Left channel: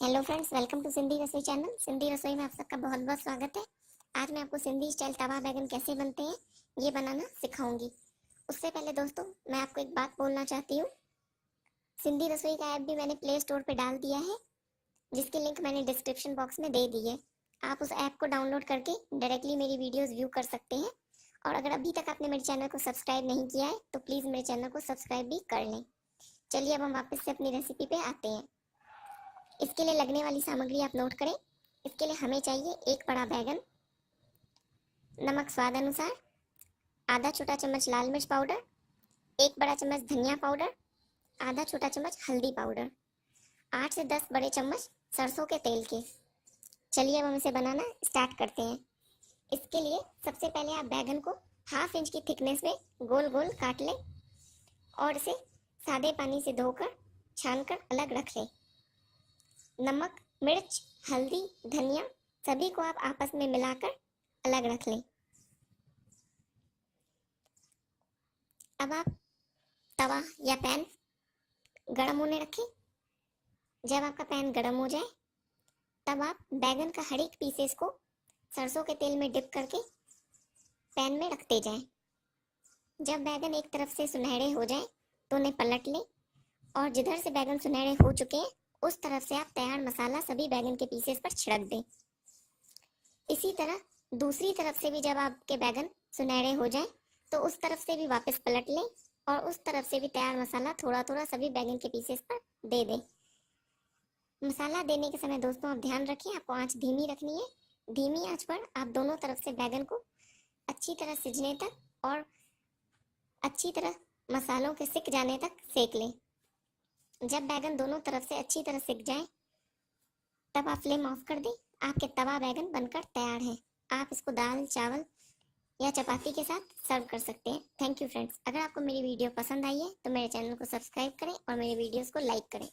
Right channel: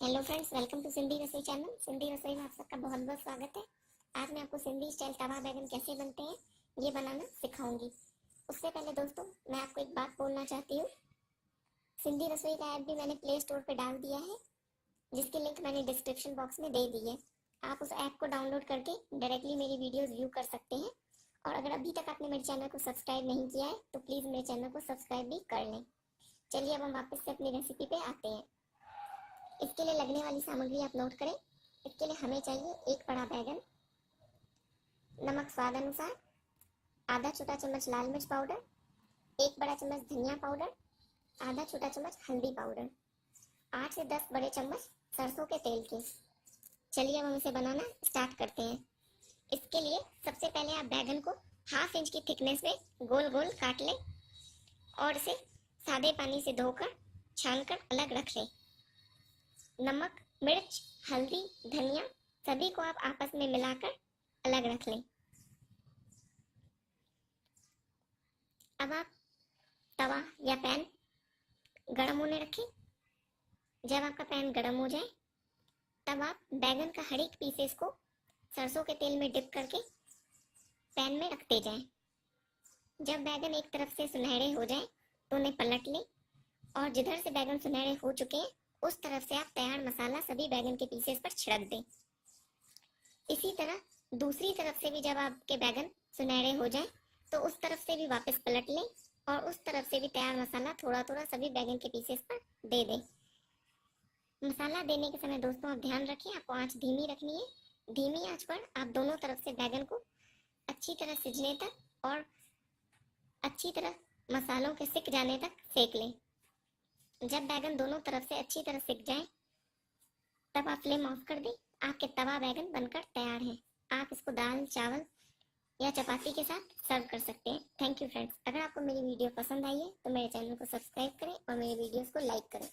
Hello friends, welcome to Sindhi Rasoi channel. Sindhi रसोई में आप सबका बहुत बहुत स्वागत है। आज मैं आपको सिंधी स्टाइल तवा बैगन कैसे बनते हैं ये बनाना सिखाऊंगी। उससे पहले दोस्तों मैं आपको एक बात बोलना चाहती हूँ। सिंधी रसोई का ऐप भी मैंने प्ले स्टोर पे डाल दिया है, जिसकी लिंक मैंने डिस्क्रिप्शन बॉक्स में दे दी है। आप उस ऐप को डाउनलोड करके डायरेक्टली मेरी वीडियोज़ व्यू कर सकते हैं। और अगर अभी तक आपने मेरे चैनल को सब्सक्राइब नहीं किया है तो प्लीज़ मेरे चैनल को सब्सक्राइब भी कर लें। चलिए अब हम वापस से अपनी रेसिपी पे आते हैं। इसके लिए लगने वाली सामग्री आप नोट करें। इसके लिए हमें चाहिए एक बड़ा बैगन, नमक स्वाद अनुसार, आधा छोटा चम्मच लाल मिर्च पाउडर, एक बड़ा चम्मच धनिया पाउडर, आधा छोटा चम्मच हल्दी पाउडर, 8 से 10 बड़े चम्मच सरसों के तेल के। चलिए अब हम इसे बनाना स्टार्ट करते हैं। इसके लिए सबसे पहले आप बैगन को ½ इंच की थिकनेस में गोल गोल काट लें और इसे सादे पानी से धोकर छानकर अलग रख लें। नमक, मिर्च, हल्दी, धनिया सभी को आप आपस में मिलाकर अलग रख लें। अब आप तवा या पैन गरम होने रखें। जब आपका पैन गरम हो जाए तब आप बैगन का हर एक पीसेस को सरसों के तेल में डिप करके पैन में रखते जाएं। जब बैगन एक तरफ से सुनहरे हो जाए तो उन्हें पलट लें और जिधर से बैगन सुनहरे हो चुके हैं उस तरफ से आप तैयार मसाला सभी बैगन के पीसेस पर छिड़क दें। इसी तरह दूसरी तरफ से भी जब आपके बैगन सुनहरे हो जाए तो उस तरफ से भी वापस पलट लें और उस तरफ से भी तैयार मसाला थोड़ा थोड़ा सभी बैगन के पीसेस पर दे दें। मसाला देने के समय दोस्तों आप ध्यान रखें, आपको आंच धीमी रखनी है। धीमी आंच पर आप दोनों तरफ से बैगन को अच्छी तरह सिजने तक और अच्छी तरह मसालों के सिक जाने तक सेक लें। जब बैगन दोनों तरफ से अच्छी तरह सिक जाए तब आप फ्लेम ऑफ कर दें। आपके तवा बैगन बनकर तैयार है। आप इसको दाल, चावल या चपाती के साथ सर्व कर सकते हैं। Thank you friends. अगर आपको मेरी वीडियो पसंद आई है तो मेरे चैनल को सब्सक्राइब करें और मेरे वीडियोस को लाइक करें।